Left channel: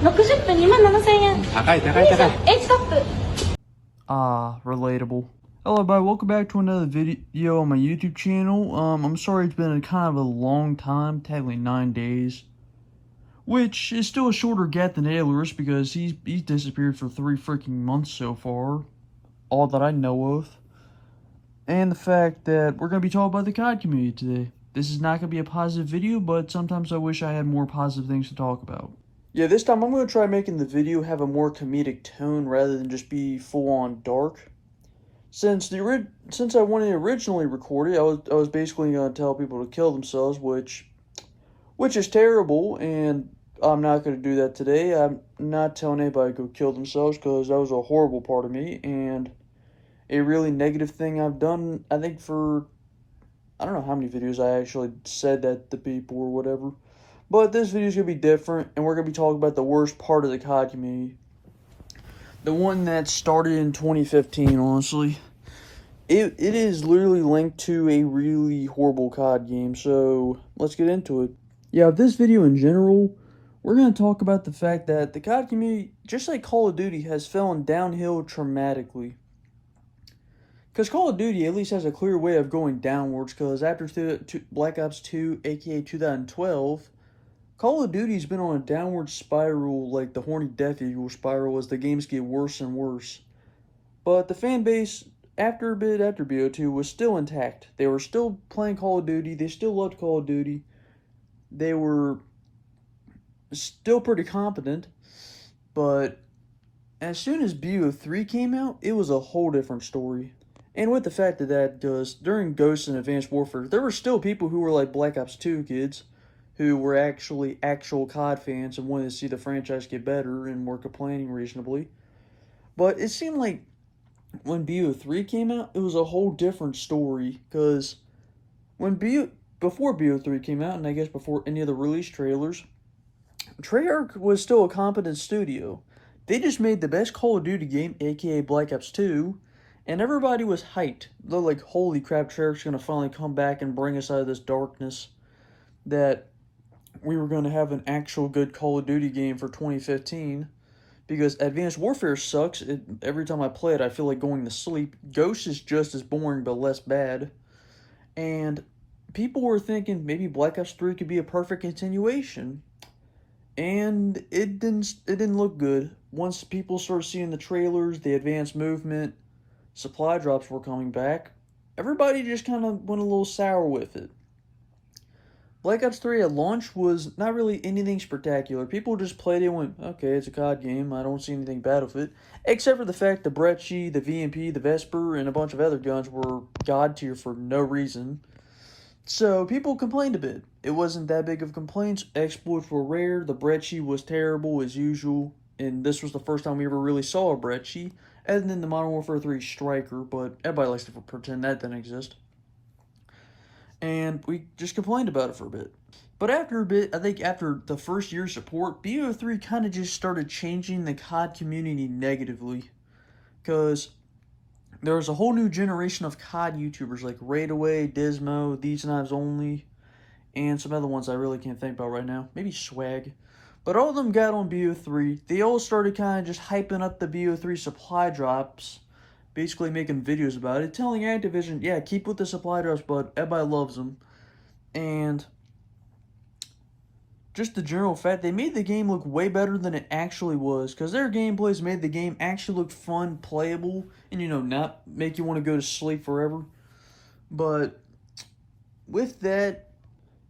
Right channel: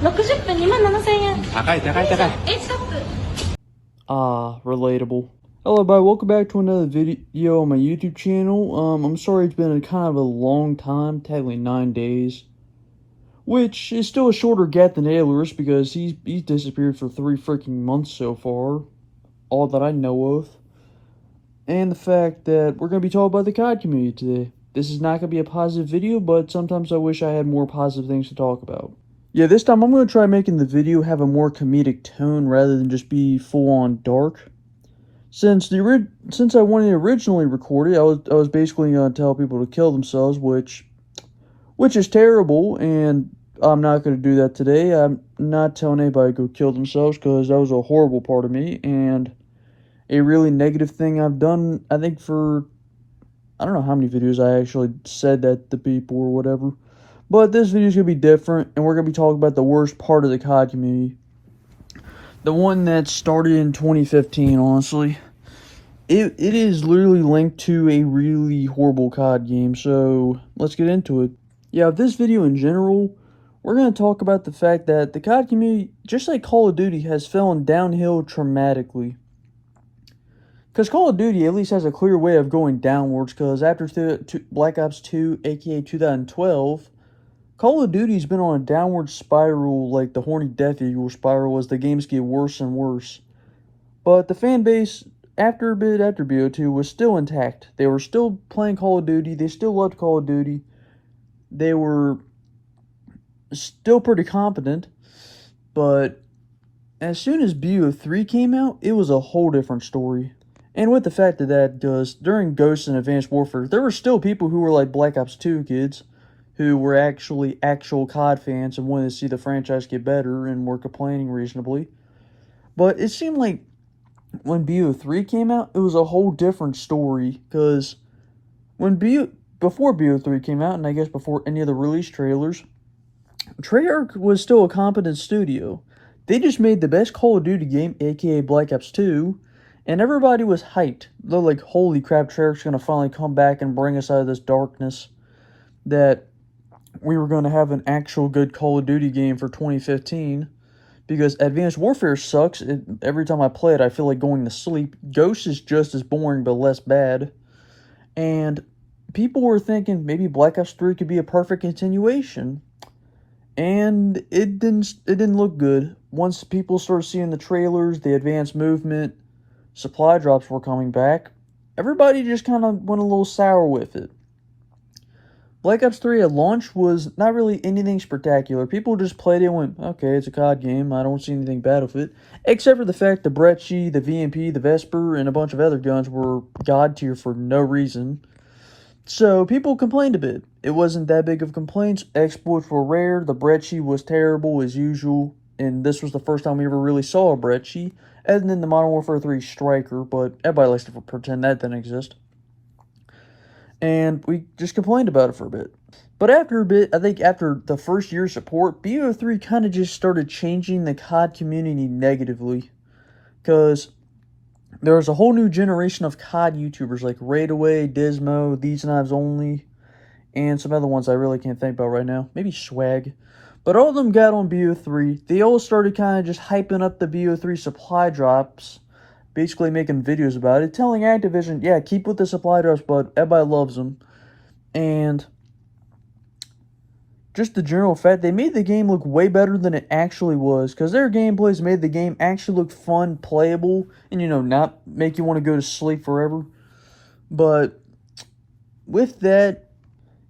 60分27,000円。高い高い高い。ストップ。Relatable. Hello everybody, welcome back to another video on my YouTube channel. I'm sorry it's been a kind of a long time, technically 9 days. Which is still a shorter gap than Ayler's because he's disappeared for 3 freaking months so far. All that I know of. And the fact that we're going to be talking about the COD community today. This is not going to be a positive video, but sometimes I wish I had more positive things to talk about. Yeah, this time I'm going to try making the video have a more comedic tone rather than just be full-on dark. Since I wanted to originally record it, I was basically going to tell people to kill themselves, which is terrible, and I'm not going to do that today. I'm not telling anybody to go kill themselves because that was a horrible part of me, and a really negative thing I've done, I think for, I don't know how many videos I actually said that to people or whatever. But this video is going to be different, and we're going to be talking about the worst part of the COD community. The one that started in 2015, honestly. It is literally linked to a really horrible COD game, so let's get into it. Yeah, this video in general, we're going to talk about the fact that the COD community, just like Call of Duty, has fallen downhill dramatically. Because Call of Duty at least has a clear way of going downwards, because after Black Ops 2, aka 2012, Call of Duty's been on a downward spiral like the Horny Death Eagle spiral as the games get worse and worse. But the fan base, after BO2, was still intact. They were still playing Call of Duty, they still loved Call of Duty. They were still pretty competent, but as soon as BO3 came out, it was a whole different story. And with the fact that during Ghosts and Advanced Warfare, there were still people who were like Black Ops 2 kids, who were actual COD fans and wanted to see the franchise get better and were complaining reasonably. But it seemed like when BO3 came out, it was a whole different story, because before BO3 came out, and I guess before any of the release trailers, Treyarch was still a competent studio. They just made the best Call of Duty game, aka Black Ops 2, and everybody was hyped. They're like, holy crap, Treyarch's gonna finally come back and bring us out of this darkness, that we were going to have an actual good Call of Duty game for 2015, because Advanced Warfare sucks. Every time I play it, I feel like going to sleep. Ghost is just as boring, but less bad. And people were thinking maybe Black Ops 3 could be a perfect continuation. And it didn't look good. Once people started seeing the trailers, the advanced movement, supply drops were coming back, everybody just kind of went a little sour with it. Black Ops 3 at launch was not really anything spectacular. People just played it and went, okay, it's a COD game, I don't see anything bad with it. Except for the fact the Brecci, the VMP, the Vesper, and a bunch of other guns were god tier for no reason. So people complained a bit. It wasn't that big of complaints. Exploits were rare, the Brecci was terrible as usual, and this was the first time we ever really saw a Brecci, other than the Modern Warfare 3 Striker, but everybody likes to pretend that didn't exist. And we just complained about it for a bit. But after a bit, I think after the first year of support, BO3 kind of just started changing the COD community negatively. Because there was a whole new generation of COD YouTubers like Raidaway, Dismo, These Knives Only, and some other ones I really can't think about right now. Maybe Swag. But all of them got on BO3. They all started kind of just hyping up the BO3 supply drops, basically making videos about it, telling Activision, yeah, keep with the supply drops, but everybody loves them. And just the general fact, they made the game look way better than it actually was, because their gameplays made the game actually look fun, playable, and, not make you want to go to sleep forever. But with that,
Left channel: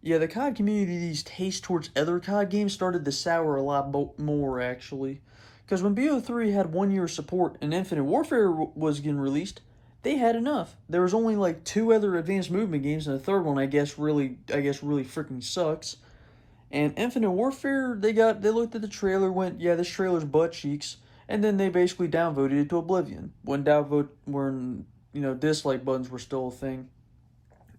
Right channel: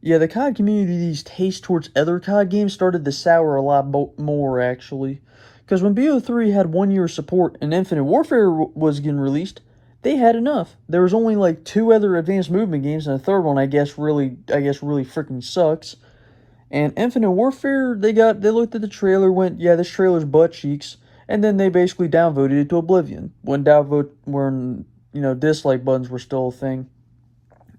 yeah, the COD community's taste towards other COD games started to sour a lot more, actually. Because when BO3 had 1 year of support and Infinite Warfare was getting released, they had enough. There was only like 2 other advanced movement games, and the third one I guess really freaking sucks. And Infinite Warfare, they looked at the trailer, went, yeah, this trailer's butt cheeks, and then they basically downvoted it to oblivion when dislike buttons were still a thing.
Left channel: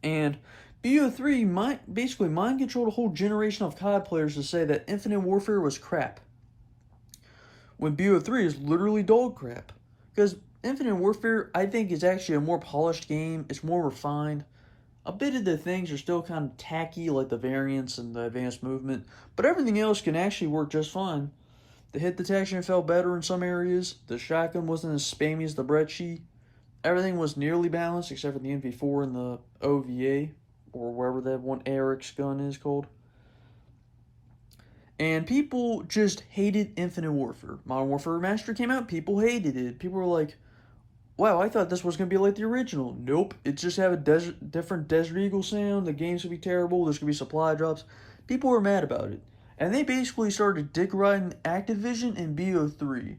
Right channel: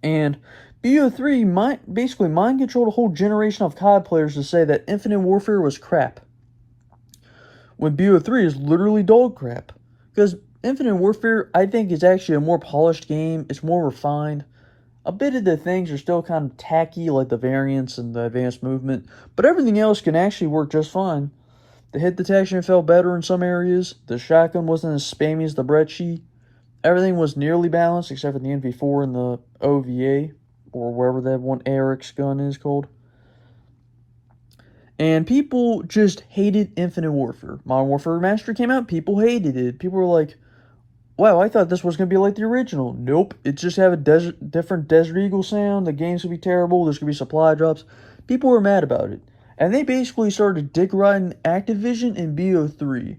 And BO3 basically mind controlled a whole generation of COD players to say that Infinite Warfare was crap, when BO3 is literally dog crap. Because Infinite Warfare, I think, is actually a more polished game. It's more refined. A bit of the things are still kind of tacky, like the variants and the advanced movement, but everything else can actually work just fine. The hit detection felt better in some areas. The shotgun wasn't as spammy as the Brecci. Everything was nearly balanced except for the MP4 and the OVA, or wherever that one Eric's gun is called. And people just hated Infinite Warfare. Modern Warfare Remastered came out, people hated it. People were like, wow, I thought this was going to be like the original. Nope, it just have a different Desert Eagle sound. The game's going to be terrible. There's going to be supply drops. People were mad about it. And they basically started dick riding Activision and BO3.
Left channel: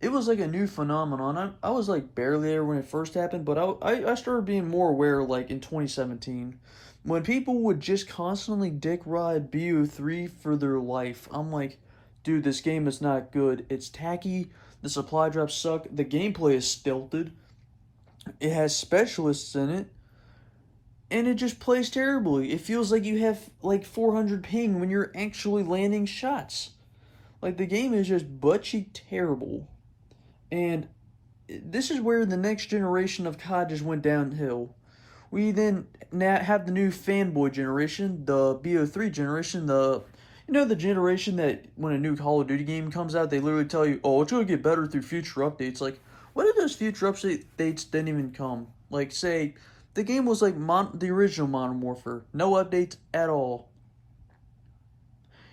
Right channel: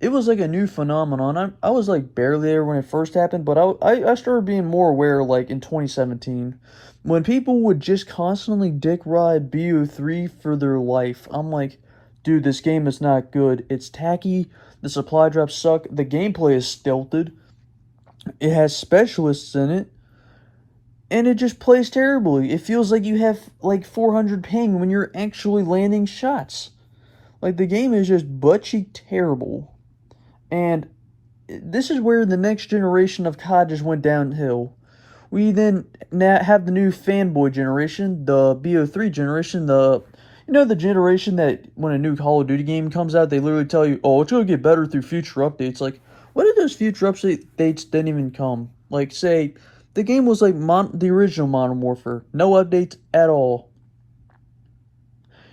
It was like a new phenomenon. I was like barely there when it first happened, but I started being more aware like in 2017. When people would just constantly dick ride BO3 for their life. I'm like, dude, this game is not good. It's tacky. The supply drops suck. The gameplay is stilted. It has specialists in it. And it just plays terribly. It feels like you have like 400 ping when you're actually landing shots. Like the game is just butt-cheek terrible. And this is where the next generation of COD just went downhill. We then now have the new fanboy generation, the BO3 generation, the generation that when a new Call of Duty game comes out, they literally tell you, oh, it's going to get better through future updates. Like, what if those future updates didn't even come? Like, say, the game was like the original Modern Warfare. No updates at all.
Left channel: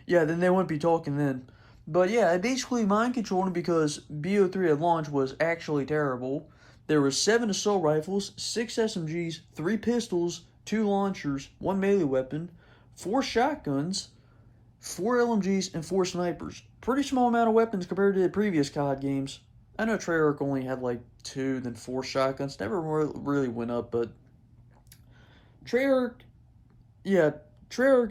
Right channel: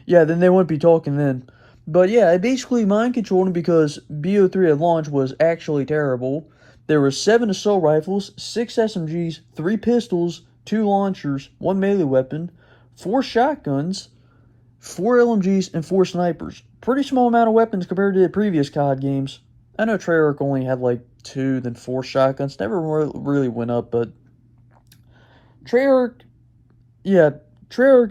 Yeah, then they wouldn't be talking then. But yeah, it basically mind controlled him because BO3 at launch was actually terrible. There were 7 assault rifles, 6 SMGs, 3 pistols, 2 launchers, 1 melee weapon, 4 shotguns, 4 LMGs, and 4 snipers. Pretty small amount of weapons compared to the previous COD games. I know Treyarch only had like 2, then 4 shotguns. Never really went up, but Treyarch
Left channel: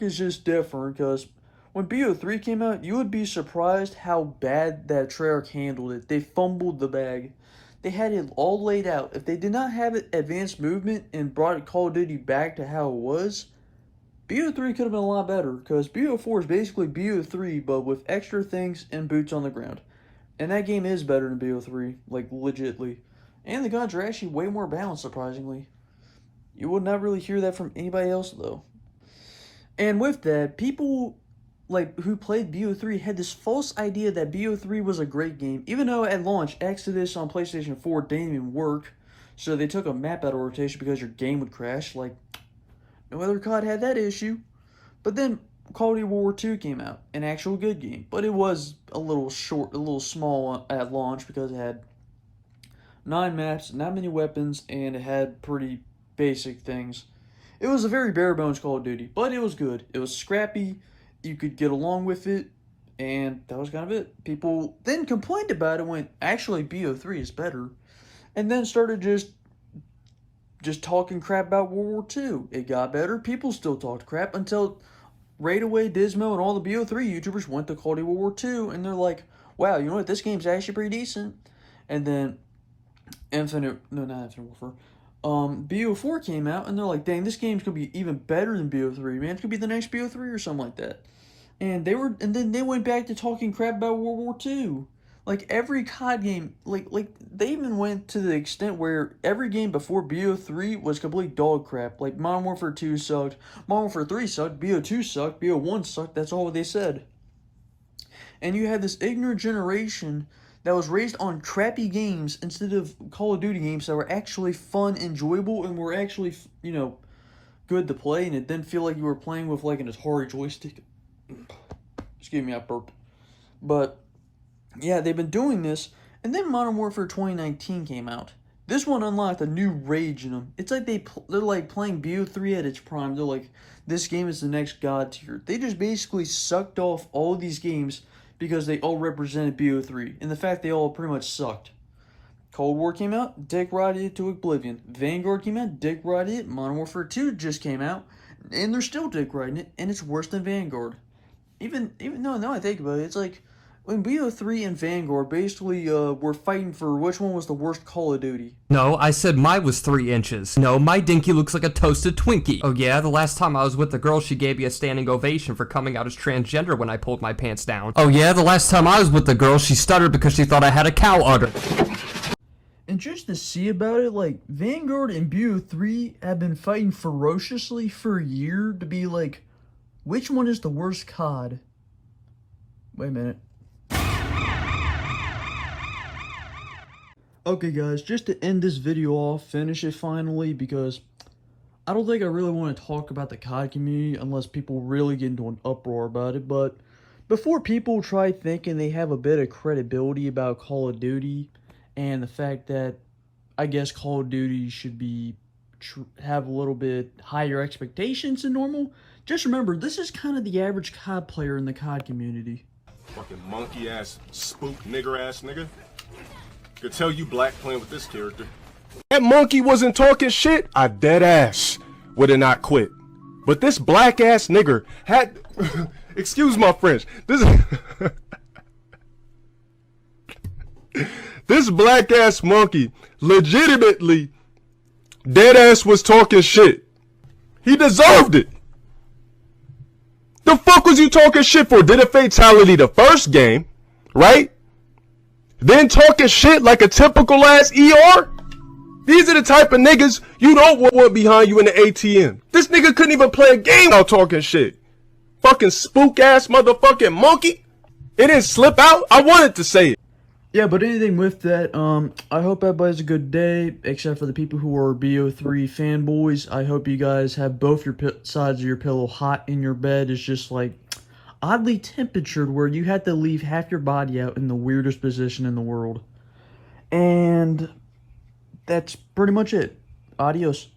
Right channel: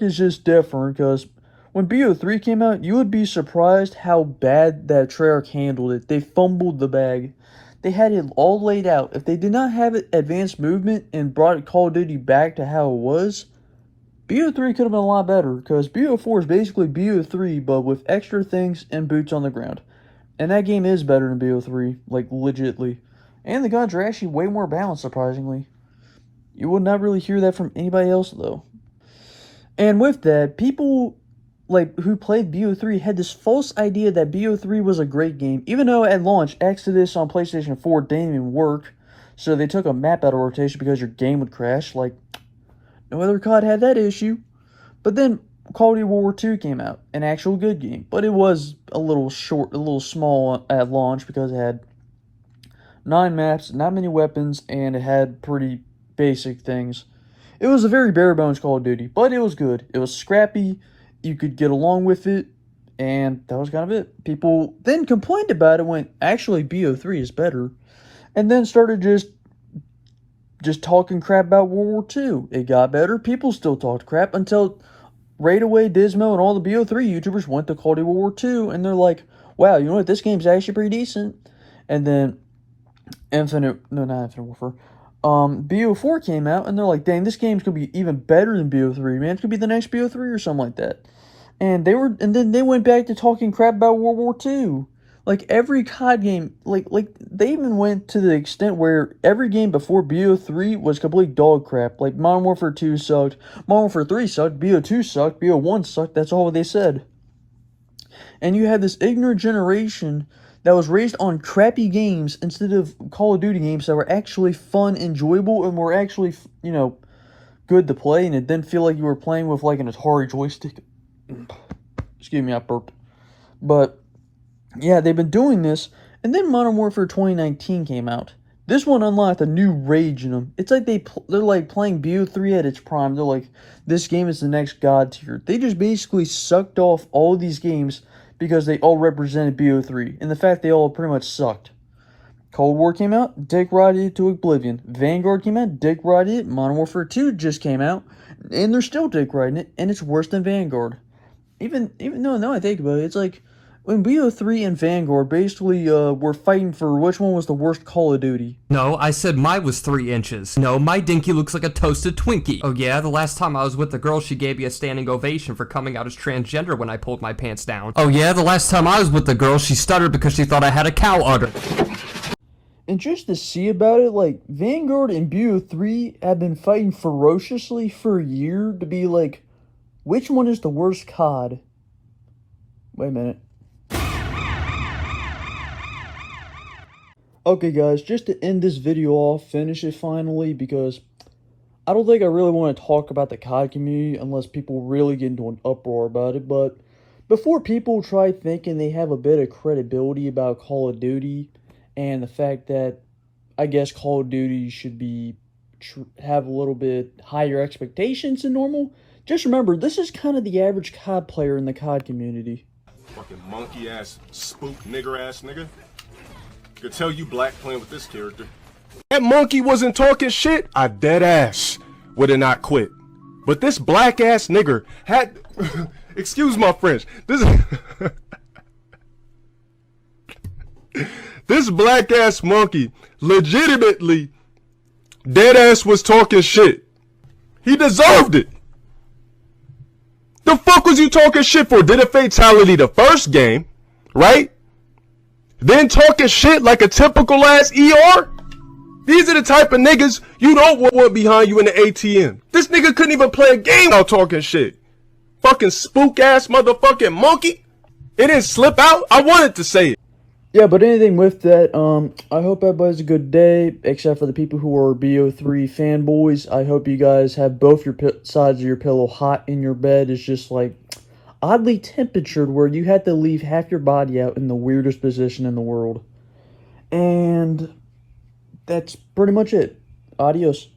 is just different because when BO3 came out, you would be surprised how bad that Treyarch handled it. They fumbled the bag. They had it all laid out. If they did not have it advanced movement and brought Call of Duty back to how it was, BO3 could have been a lot better because BO4 is basically BO3 but with extra things and boots on the ground. And that game is better than BO3, like legitly. And the guns are actually way more balanced, surprisingly. You would not really hear that from anybody else though. And with that, people who played BO3 had this false idea that BO3 was a great game, even though at launch Exodus on PlayStation 4 didn't even work, so they took a map out of rotation because your game would crash. Like, no other COD had that issue. But then Call of Duty World War II came out, an actual good game, but it was a little small at launch because it had 9 maps, not many weapons, and it had pretty basic things. It was a very bare bones Call of Duty, but it was good. It was scrappy. You could get along with it, and that was kind of it. People then complained about it, went, actually, BO3 is better, and then started just talking crap about World War II. It got better. People still talked crap until right away Dismo and all the BO3 YouTubers went to Call of Duty World War II, and they're like, wow, you know what, this game's actually pretty decent. And then BO4 came out, and they're like, dang, this game's gonna be even better than BO3, man. It's gonna be the next BO3 or something like that. And then they went back to talking crap about World War II. Like, every COD game, like they even went to the extent where every game before BO3 was complete dog crap. Like, Modern Warfare 2 sucked, Modern Warfare 3 sucked, BO2 sucked, BO1 sucked, that's all they said. And you had this ignorant generation that was raised on crappy games instead of Call of Duty games that were actually fun, enjoyable, and were actually, good to play, and it didn't feel like you were playing with, like, an Atari joystick. Excuse me, I burped. But, yeah, they've been doing this, and then Modern Warfare 2019 came out. This one unlocked a new rage in them. It's like they're like playing BO3 at its prime. They're like, this game is the next god tier. They just basically sucked off all of these games because they all represented BO3, and the fact they all pretty much sucked. Cold War came out, dick rided it to oblivion. Vanguard came out, dick rided it. Modern Warfare 2 just came out, and they're still dick riding it, and it's worse than Vanguard. Even though now I think about it, it's like when BO3 and Vanguard basically were fighting for which one was the worst Call of Duty. No, I said mine was 3 inches. No, my dinky looks like a toasted Twinkie. Oh yeah, the last time I was with the girl, she gave me a standing ovation for coming out as transgender when I pulled my pants down. Oh yeah, the last time I was with the girl, she stuttered because she thought I had a cow udder. And just to see about it, like, Vanguard and BO3 have been fighting ferociously for a year to be like, which one is the worst COD? Wait a minute. Okay, guys, just to end this video off, finish it finally, because I don't think I really want to talk about the COD community unless people really get into an uproar about it. But before people try thinking they have a bit of credibility about Call of Duty and the fact that I guess Call of Duty should be have a little bit higher expectations than normal, just remember this is kind of the average COD player in the COD community. Fucking monkey ass, spook nigger ass nigga. Could tell you black playing with this character. That monkey wasn't talking shit, I dead ass would have not quit. But this black ass nigger had excuse my French. This black ass monkey legitimately dead ass was talking shit. He deserved it. The fuck was you talking shit for? Did a fatality the first game, right? Then talking shit like a typical ass ER? These are the type of niggas you don't want behind you in the ATM. This nigga couldn't even play a game without talking shit. Fucking spook ass motherfucking monkey. It didn't slip out. I wanted to say it. Yeah, but anything with that, I hope everybody has a good day, except for the people who are BO3 fanboys. I hope you guys have both your sides of your pillow hot in your bed. It's just like oddly temperatured where you had to leave half your body out in the weirdest position in the world. And that's pretty much it. Adios.